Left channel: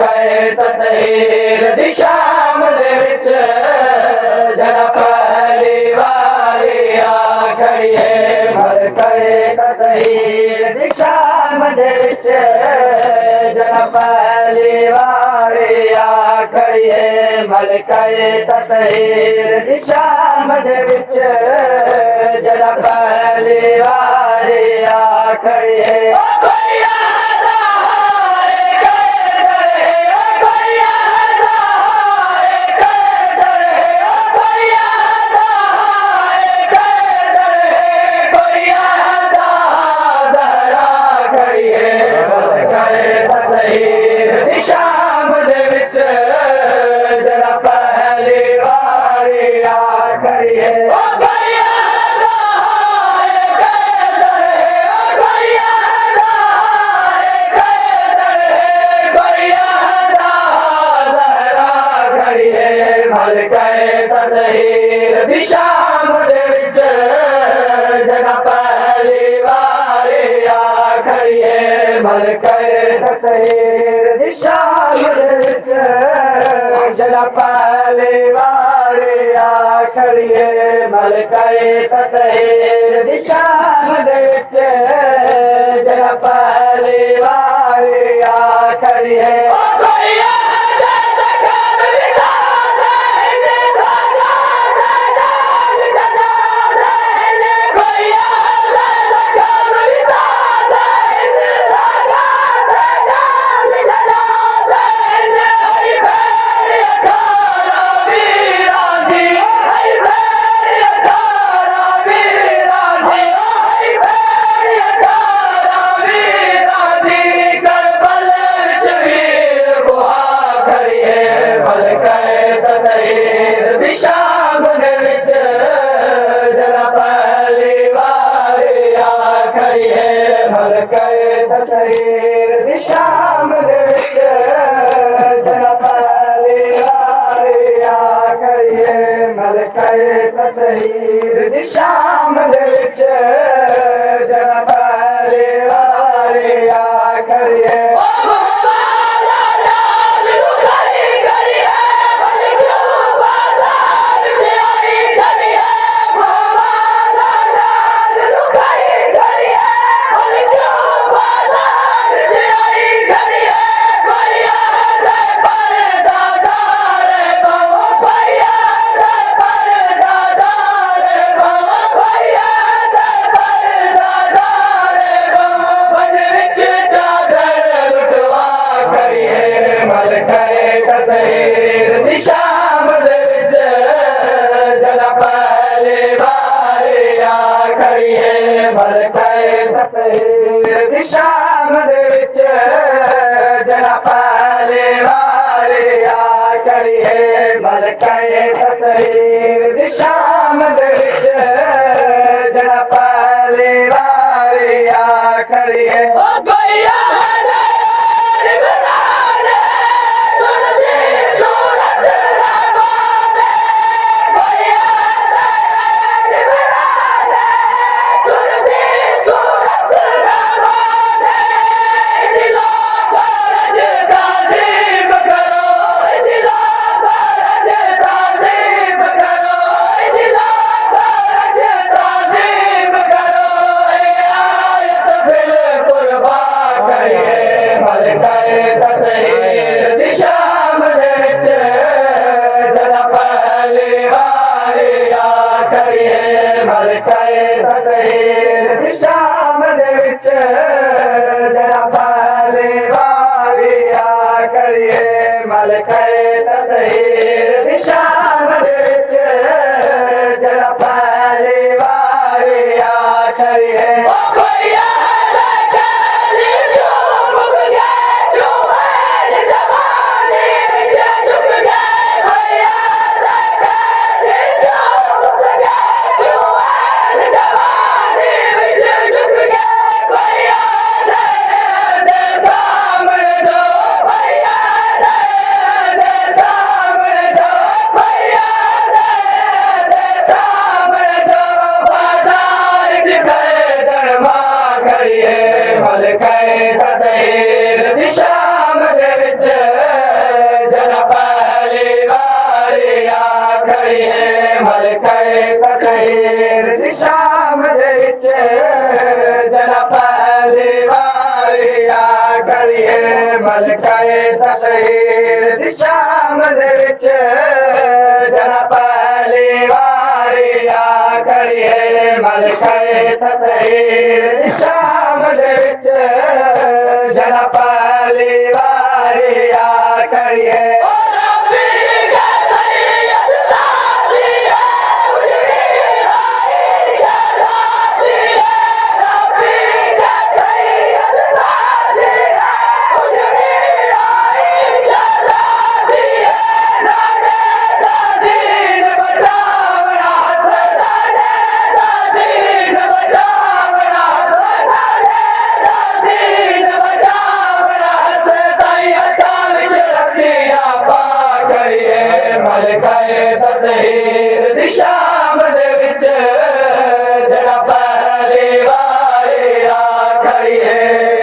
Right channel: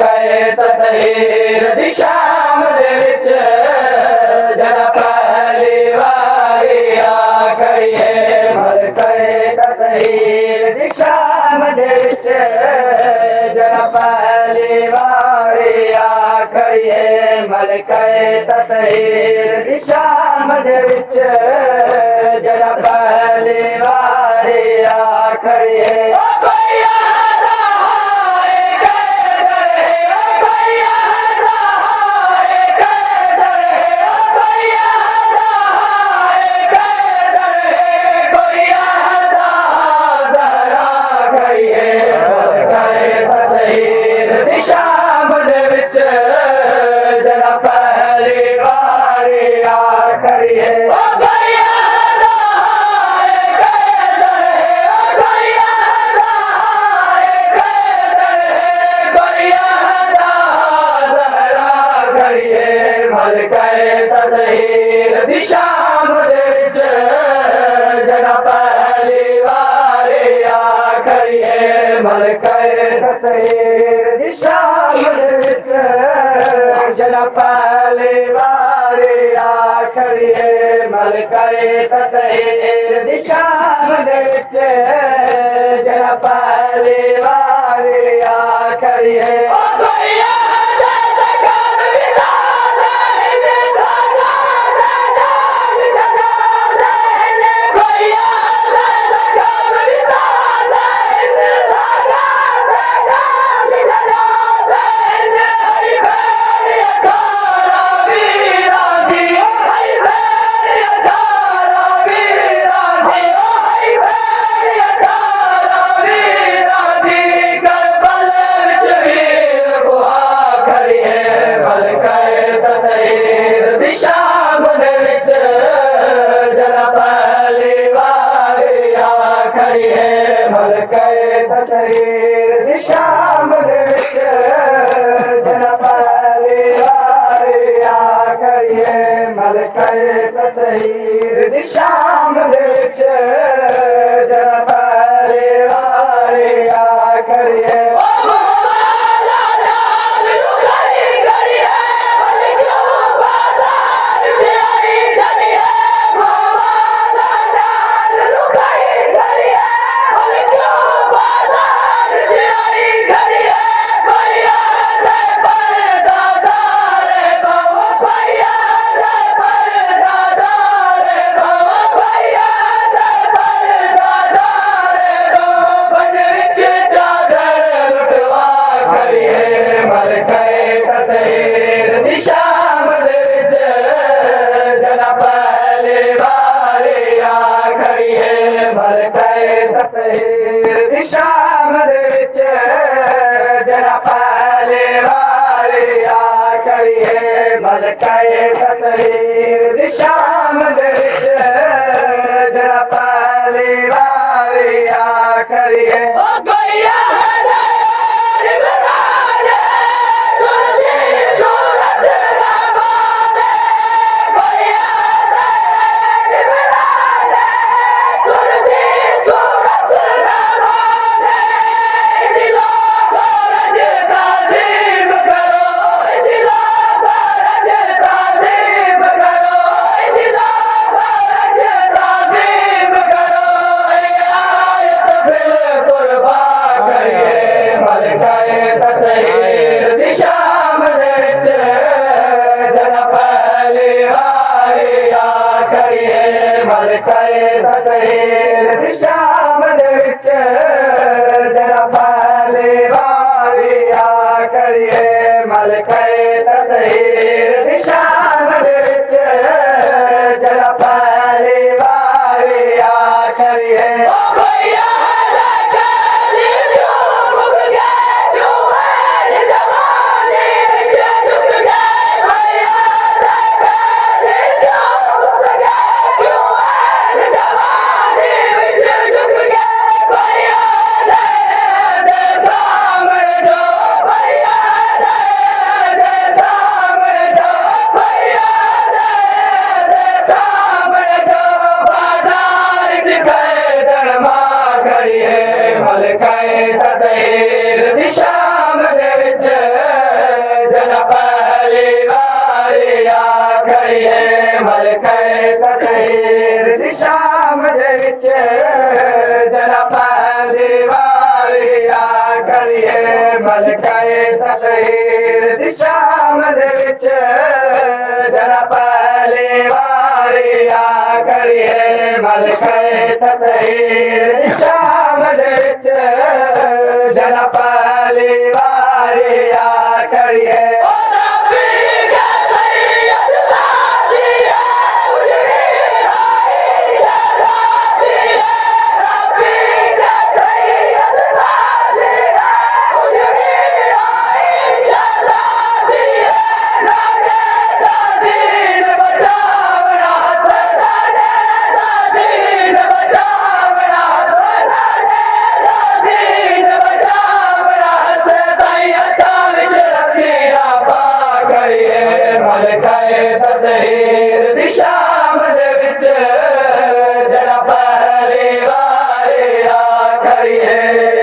कहे ततहीर दिशा मदे विच जना पहली वारी आ खड़ी है मल कहे ततहीर दिशा मदे विच जना पहली वारी आ खड़ी है मल कहे ततहीर दिशा मदे विच जना पहली वारी आ खड़ी है दिशा मदे विच जना पहली वारी आ खड़ी है मल कहे ततहीर दिशा मदे विच जना पहली वारी आ खड़ी है मल कहे ततहीर दिशा मदे विच जना पहली वारी आ खड़ी है मल कहे ततहीर दिशा मदे विच जना पहली वारी आ खड़ी है दिशा मदे विच जना पहली वारी आ खड़ी है मल कहे ततहीर दिशा मदे विच जना पहली वारी आ खड़ी है मल कहे ततहीर दिशा मदे विच जना पहली वारी आ खड़ी है दिशा मदे विच जना पहली वारी आ खड़ी है मल कहे ततहीर दिशा मदे विच जना पहली वारी आ खड़ी है मल कहे ततहीर दिशा मदे विच जना पहली वारी आ खड़ी है मल कहे ततहीर दिशा मदे विच जना पहली वारी आ खड़ी है मल कहे ततहीर दिशा मदे विच जना पहली वारी आ खड़ी है मल कहे ततहीर दिशा मदे विच जना पहली वारी आ खड़ी है खड़ी है मल कहे ततहीर दिशा शाम दे विच जरा पहली वारी आ खड़ी है मलके तकहीर दी शाम दे विच जरा पहली वारी आ खड़ी है मलके तकहीर दी शाम दे विच जरा पहली वारी आ खड़ी है मलके तकहीर दी शाम दे विच जरा पहली वारी आ खड़ी है मलके तकहीर दी शाम दे विच जरा पहली वारी आ खड़ी है।